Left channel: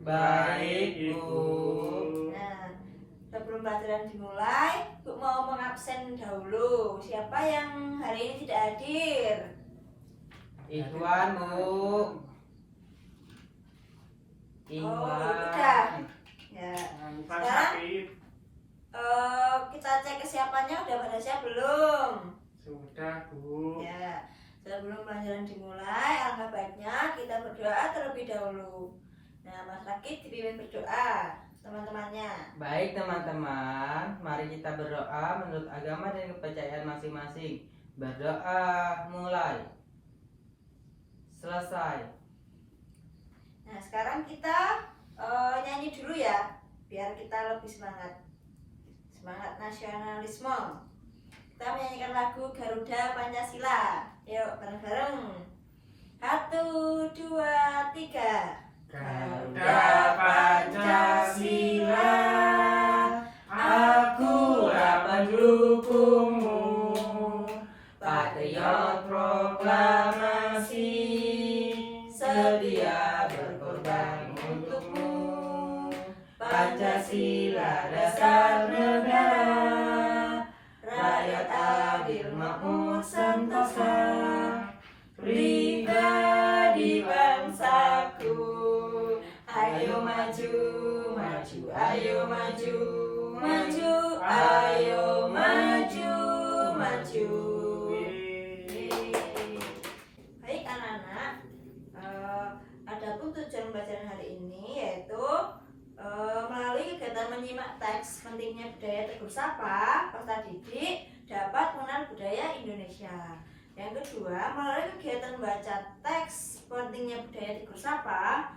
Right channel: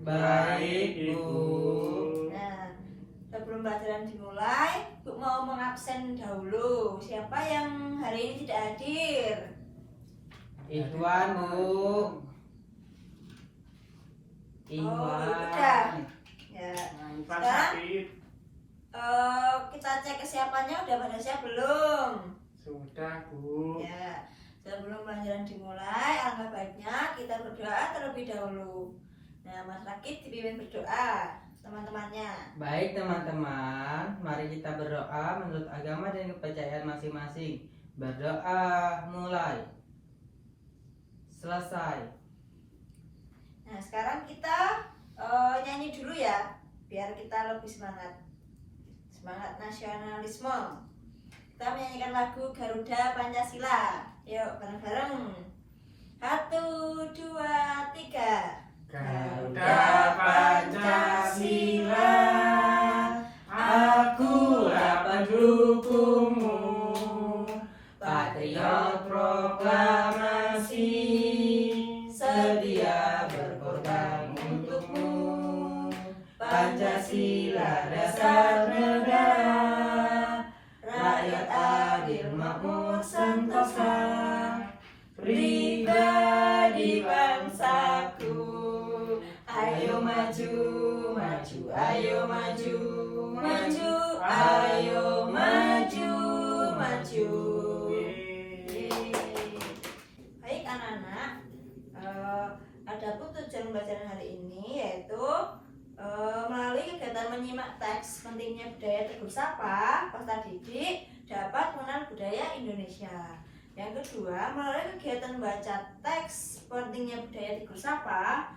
Baik, Bu. Nah, sebelum pelajaran dimulai, Bu mau mengabsen dahulu. Siapa yang hari ini tidak hadir? Ikhwan, Bu. udah. Ya. Sekarang kita cek kesiapannya udah pada siap belum? Sudah, Bu. Ya. Sebelum pelajaran dimulai, alangkah baiknya kita berdoa terlebih dahulu. Nah, Mas Rakit dipimpin berdoa teman-temannya. Baik, teman-teman. Mari kita berdoa menurut agama dan kepercayaan masing-masing. Berdoa mulai. Selesai. Nah, sekarang kita nyanyi dulu ya, biar kita lebih semangat. Semangat nasionalisme. Kita menyanyikan lagu Garuda Pancasila. Yuk, bareng-bareng. 1, 2, 3. Garuda Pancasila, aku rapat dukungmu. Patriot proklamasi, sedia berkorban untukmu. Pancasila dasar negara, rakyat adil makmur sentosa, pribadi bangsaku. Ayo maju, maju, ayo maju, maju, ayo maju, maju. Baik anak-anak, adapun tujuan pembelajaran hari ini yaitu melalui kegiatan menyimak teks pentingnya budaya Tegur Sapa, peserta didik dapat mengenal budaya Indonesia. Yang kedua, melalui kegiatan membaca teks pentingnya budaya Tegur Sapa,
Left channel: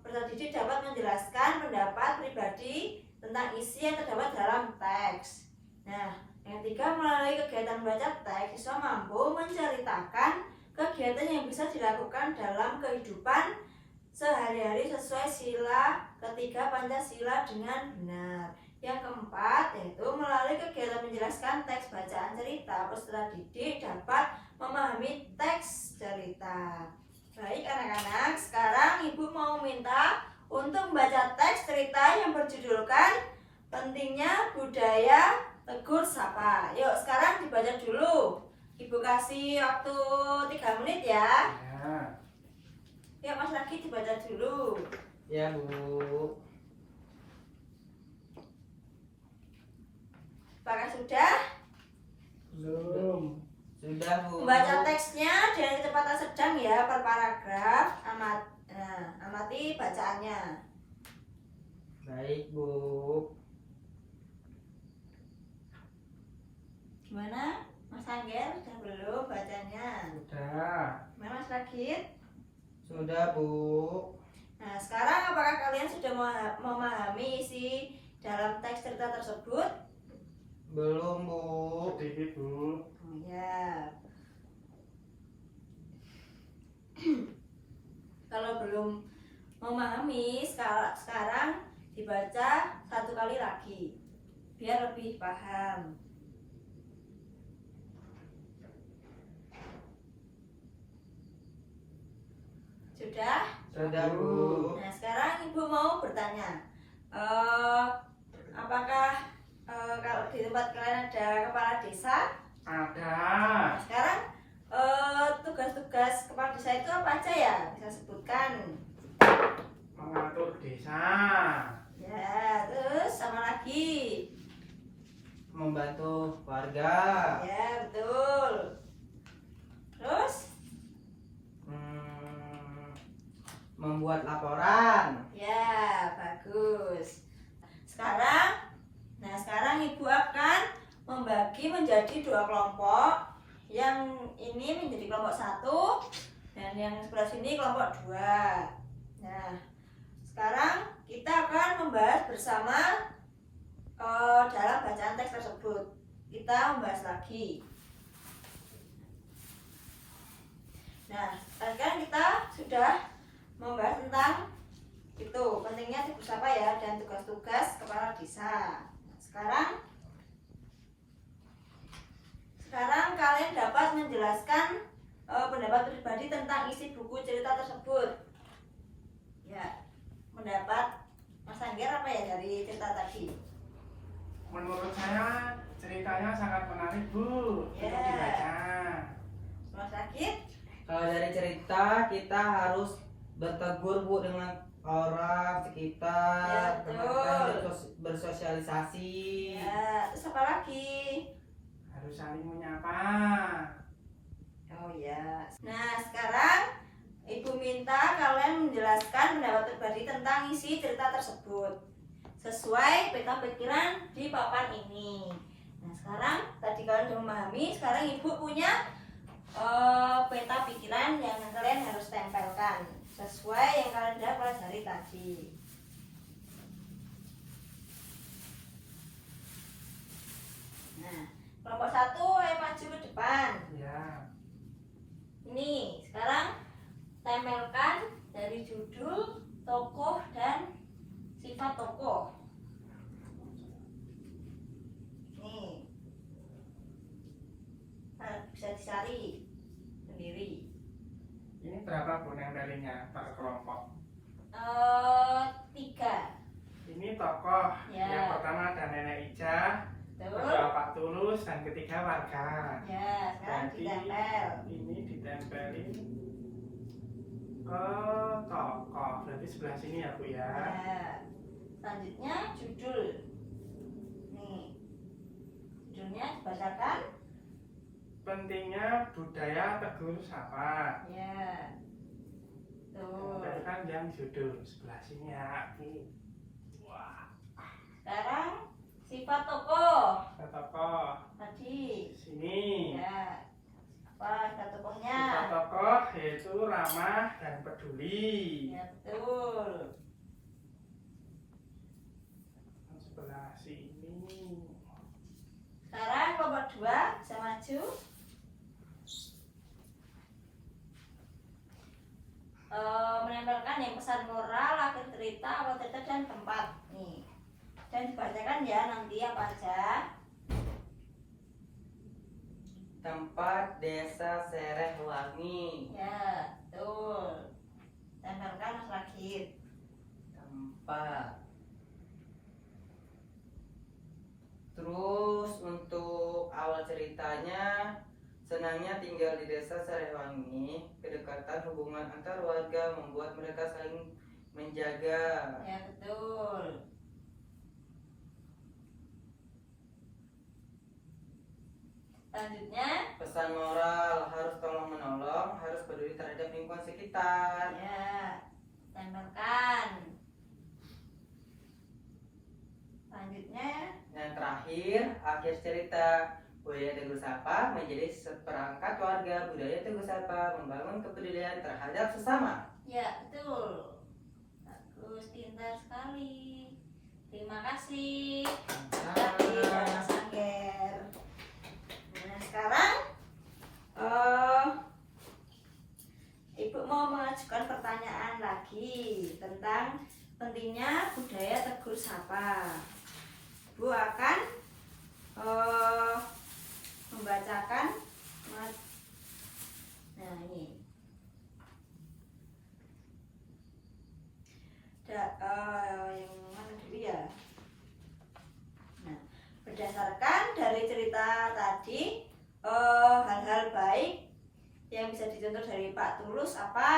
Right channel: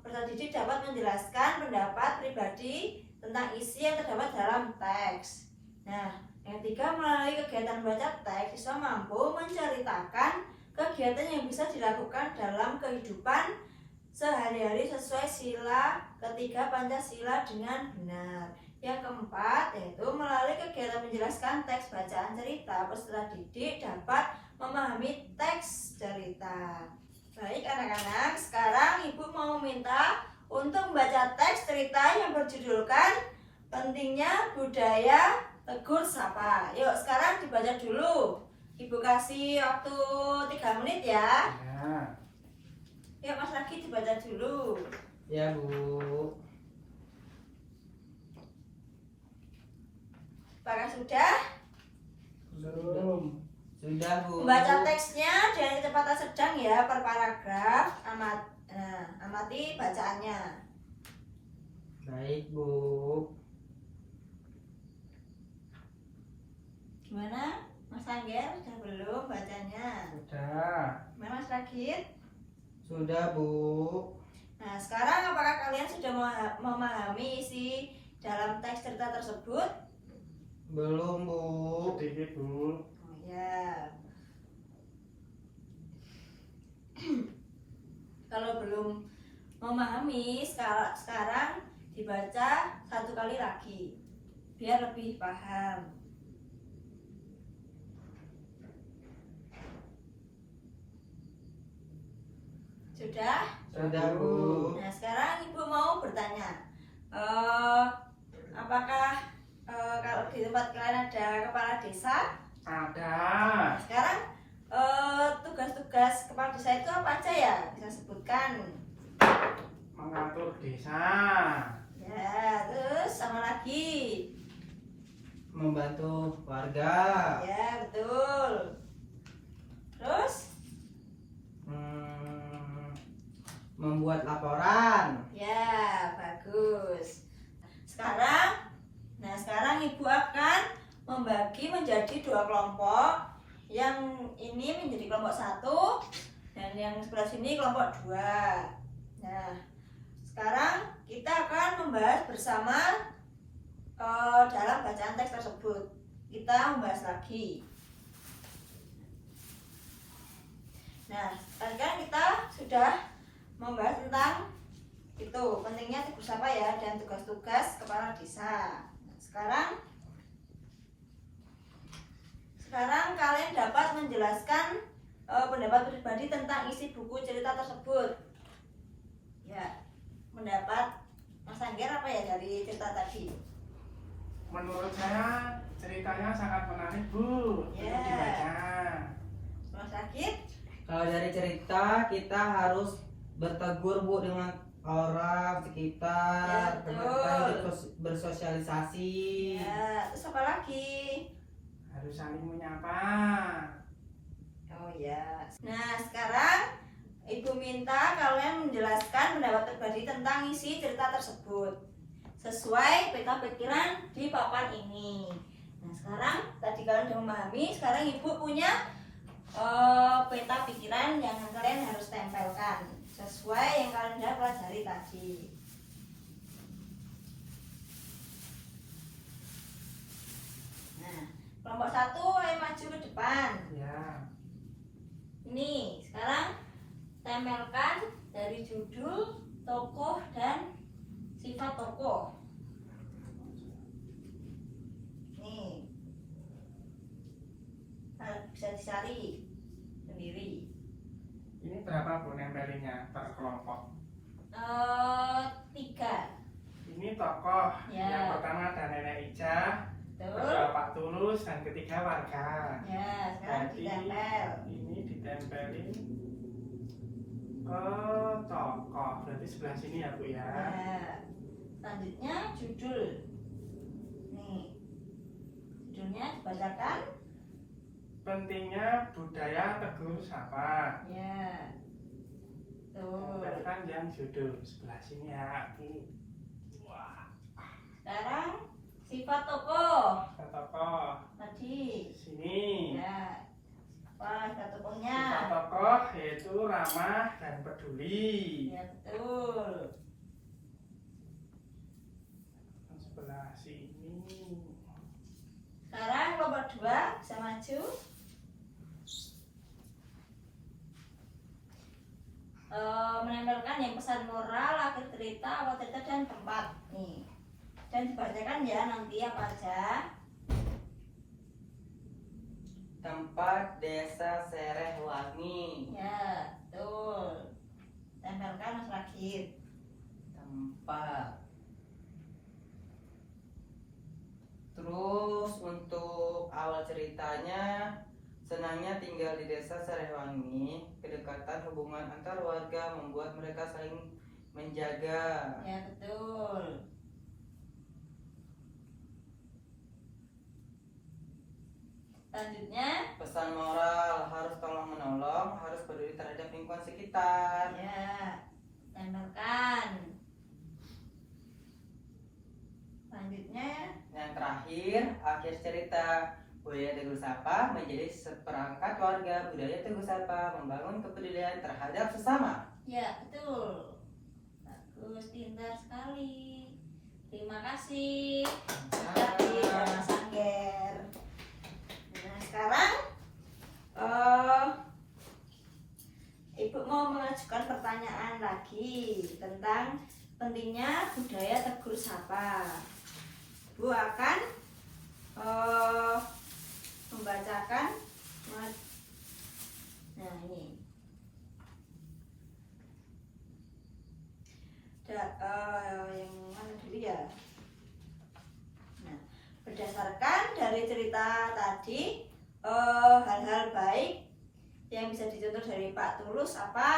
peserta didik dapat menjelaskan pendapat pribadi tentang isi yang terdapat dalam teks. Nah, yang ketiga, melalui kegiatan membaca teks, siswa mampu menceritakan kegiatan yang bisa dilakukan dalam kehidupan sehari-hari sesuai sila ketiga Pancasila dengan benar. Yang keempat, yaitu melalui kegiatan menjelaskan teks bacaan cerita, peserta didik dapat memahami teks cerita. Baik anak-anak, sekarang Ibu mau minta untuk membaca teks cerita yang berjudulkan Pentingnya Budaya Tegur Sapa. Yuk, sekarang dibaca dulu. Ibu kasih waktu 3 menit ya. Yuk Mas Raki dibaca dulu. Ya, Bu. Apakah sudah? Belum. Sudah, Bu. Membaca teksnya dengan kecepatan sedang ya, per paragraf. Amati bacaannya. Baik, Bu. Gimana? Mas Angger sudah belum bacanya? Sudah. Gimana Mas Ragit? Sudah, Bu. Nah, sekarang apakah kalian sudah memahami isi dalam teks cerita tersebut? Belum, Bu. Sedikit, Bu. Oh ya. Kalau belum memahami, sekarang dibaca 1 kali lagi biar lebih paham. Sudah? Sudah, Bu. Nah, sekarang Ibu mau bertanya, apakah kalau di tempat kalian ada kepala desa? Ada. Nah, sekarang tugas-tugas kepala desa itu apa aja ya? Bisa sebutkan. Mengatur desa. Ya, terus sama lagi. Membantu warga. Ya, betul. Terus? Membuat laporan. Ya, bagus. Sekarang Ibu akan membagi menjadi 2 kelompok. Yang ini menjadi kelompok 1 dan yang sebelah sini kelompok 2. Nah, sekarang kita akan membahas bersama dalam bacaan teks tersebut. Kita membahas lagi. Nah, sekarang kita sudah membahas tentang itu pentingnya Tegur Sapa ya dan tugas-tugas kepala desa. Nah, sekarang kalian dapat menjelaskan pendapat pribadi tentang isi buku cerita tersebut. Ya, pendapat Mas Angger apa ya dari cerita tadi? Menurut saya ceritanya sangat menarik Bu. Untuk Ya. dibaca. Mas Rakit? Kalau dari cerita kita harus bertegur Bu dengan orang sekitar, Ya, betul. kemudian bersosialisasi. Ya, terus apa lagi? Harus saling menyapa. Oh ya. Nah, sekarang Ibu minta kalian menjelaskan pendapat pribadi tentang isi cerita tersebut sesuai peta pikiran di papan ini. Nah, sekarang tadi kalian sudah memahami, sekarang Ibu punya peta pikiran yang kalian harus tempelkan sesuai yang kalian sudah pelajari tadi. Nah, kelompok 1 ayo maju ke depan. Ya. Ini sekarang tempelkan dari judul, tokoh, dan sifat tokoh. Nih, bisa dicari sendiri. Ini berapa Bu nempelnya per kelompok? 3. Ini tokoh. Ya. Yang pertama ada Nenek Ija, Betul. kedua Pak Tulus, dan ketiga warga. Ya, sekarang Jadi ditempel. ini ditempelin ke tokoh. Berarti sebelah sini ya Bu ya. Ya. Selanjutnya judul. Nih, judulnya dibacakan. Pentingnya budaya tegur sapa. Ya, tuh. Tempelkan yang judul sebelah sini ya. Wah, Sekarang sifat tokoh ada tokoh tadi. sini. Ya, apa sifat tokohnya? Sifat tokoh yaitu ramah dan peduli. Ya, betul. Sebelah sini. Sekarang kelompok 2 bisa maju. Menempelkan yang pesan moral, akhir cerita, awal cerita, dan tempat. Nih, dan dibacakan ya nanti apa aja. Tempat Desa Serehwangi. Ya, betul. Tempelkan Mas Rakit. Tempat. Terus untuk awal ceritanya, senangnya tinggal di desa Serehwangi, kedekatan hubungan antar warga membuat mereka saling menjaga. Ya, betul. Selanjutnya, Pesan moral, harus tolong menolong, harus peduli terhadap lingkungan sekitar. ya, tempelkan. Selanjutnya, Yang terakhir, akhir cerita. Budaya Teguh Sapa menjadi seperangkat warga budaya Teguh Sapa membangun kepedulian terhadap sesama. ya betul. Bagus, pintar sekali. Terima kasih. Tadi Mas Angger. Nah, sekarang Ibu mau mengajukan pertanyaan lagi tentang pentingnya budaya Teguh Sapa. Ibu akan membacakan. Nah, ini yang mana dulu ya. Nah, berdasarkan dari cerita tadi, hal-hal baik yang bisa dicontoh dari Pak Tulus apa?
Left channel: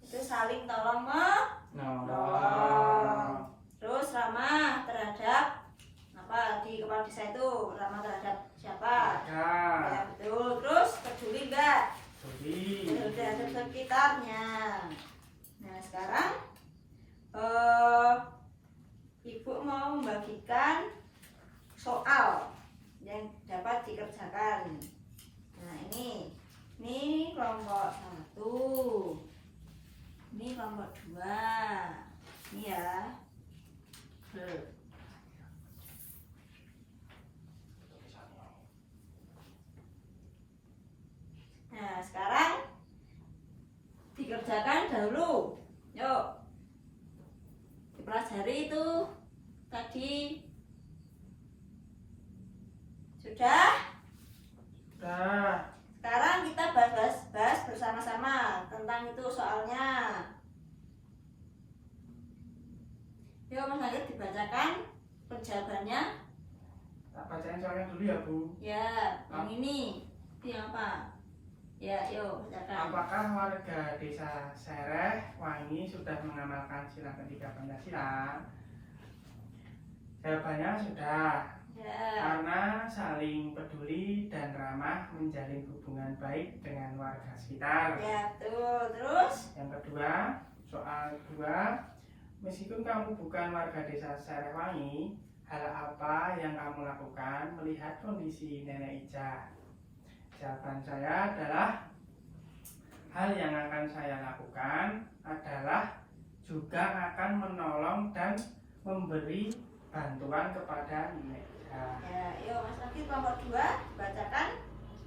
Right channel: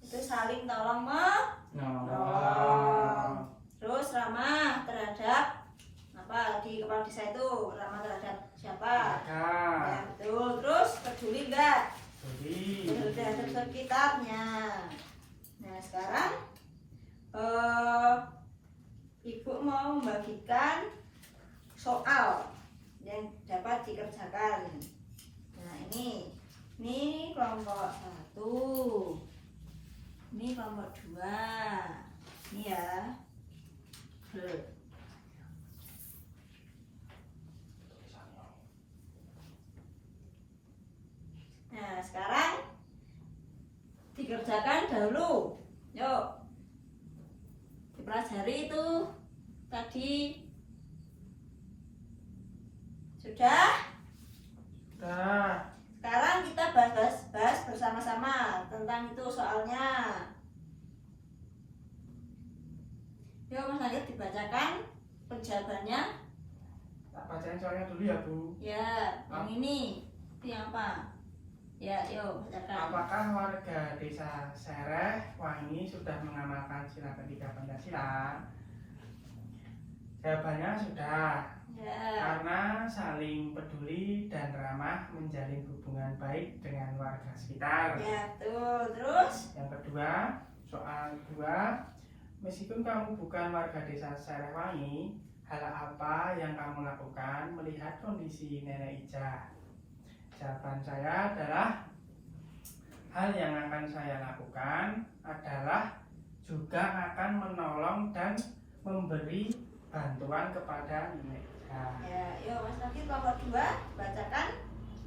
Itu saling tolong menolong. Terus ramah terhadap apa di kepala desa itu, ramah terhadap siapa? Warga. Ya, betul. Terus peduli enggak Peduli. terhadap sekitarnya. Nah, sekarang Ibu mau membagikan soal yang dapat dikerjakan. Nah, ini kelompok 1, ini kelompok 2, ini ya. Nah, sekarang dikerjakan dahulu. Yuk, dipelajari itu tadi. Sudah? Nah, Sekarang kita bahas bersama-sama tentang itu soalnya. Yuk Mas Lakit dibacakan penjawabannya. Tak bacain soalnya dulu ya Bu. Ya, yang ini. Itu yang apa? Ya, yuk bacakan. Apakah warga desa Serehwangi sudah mengamalkan sila ketiga Pancasila? Jawabannya sudah. Ya. Karena saling peduli dan ramah menjalin hubungan baik dengan warga sekitar. Ya, betul. Terus? Yang kedua, soal kedua, meskipun kamu bukan warga desa Serehwangi, hal apa yang kamu lakukan melihat kondisi Nenek Ija? Jawaban saya adalah hal yang akan saya lakukan adalah juga akan menolong dan memberi bantuan kepada Nenek Ija. Ya, yuk Mas Lakit nomor 2 bacakan.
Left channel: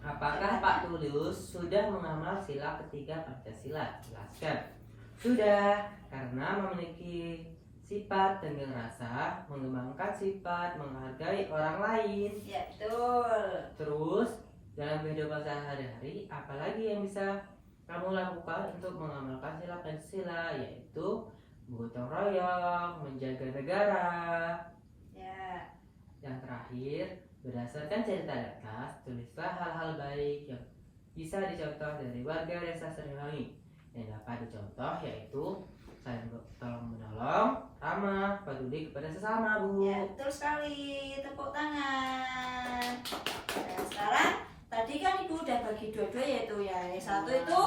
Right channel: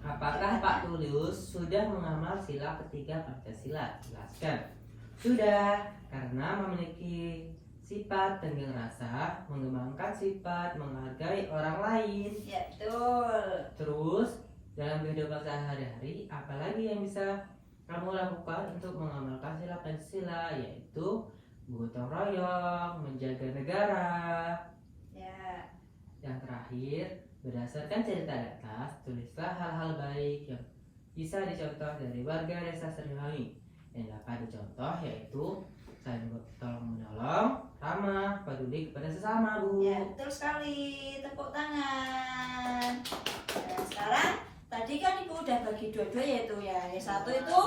Apakah Pak Tulus sudah mengamal sila ketiga Pancasila? Jelaskan. Sudah, karena memiliki sifat tenggang rasa, mengembangkan sifat menghargai orang lain. Ya, betul. Terus, dalam kehidupan sehari-hari, apalagi yang bisa kamu lakukan untuk mengamalkan sila Pancasila, yaitu gotong royong, menjaga negara. Ya. Yang terakhir, berdasarkan cerita di atas, tulislah hal-hal baik yang bisa dicontoh dari warga desa Serehwangi. Yang dapat dicontoh yaitu saling tolong menolong, ramah, peduli kepada sesama, Bu. Ya, betul sekali. Tepuk tangan. Nah, sekarang tadi kan Ibu udah bagi dua-dua yaitu ya. Yang satu itu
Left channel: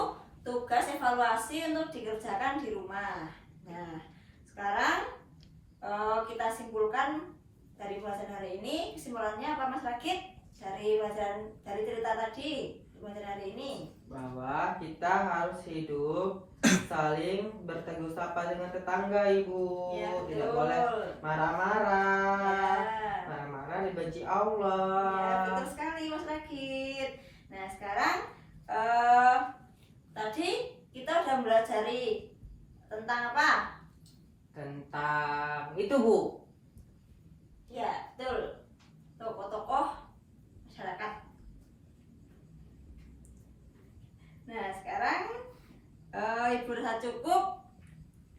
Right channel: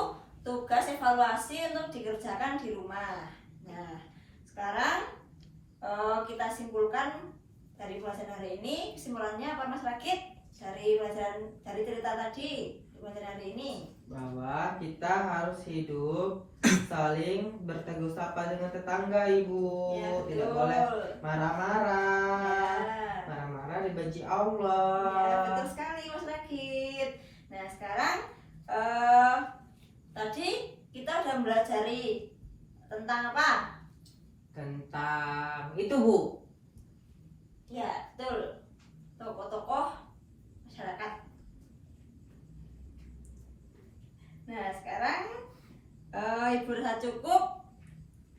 tugas evaluasi untuk dikerjakan di rumah. Nah, sekarang kita simpulkan dari pelajaran hari ini. Kesimpulannya apa Mas Lakit? Dari pelajaran dari cerita tadi pelajaran hari ini. Bahwa kita harus hidup saling bertegur sapa dengan tetangga, Ibu. Ya, Tidak betul. boleh marah-marah. Ya. Marah-marah dibenci Allah. Ya, betul sekali Mas Lakit. Nah, sekarang tadi kita udah belajari tentang apa? Tentang itu, Bu. Ya, betul. Tokoh-tokoh masyarakat. Nah, sekarang Ibu rasa cukup.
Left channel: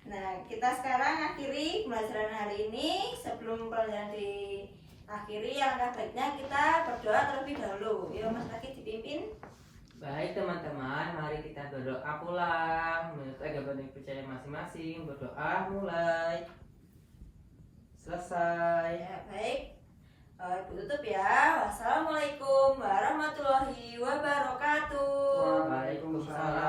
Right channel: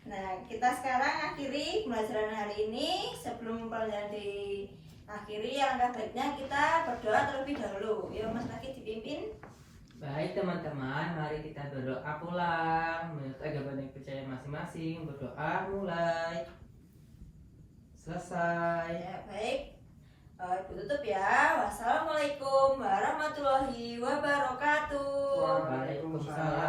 Nah, kita sekarang akhiri pembelajaran hari ini. Sebelum pelajaran diakhiri, alangkah baiknya kita berdoa terlebih dahulu. Yuk Mas Lakit dipimpin. Baik teman-teman, mari kita berdoa pulang menurut agama dan percaya masing-masing. Berdoa mulai. Selesai. Ya, baik. Ibu tutup ya. Wassalamualaikum warahmatullahi wabarakatuh. Waalaikumsalam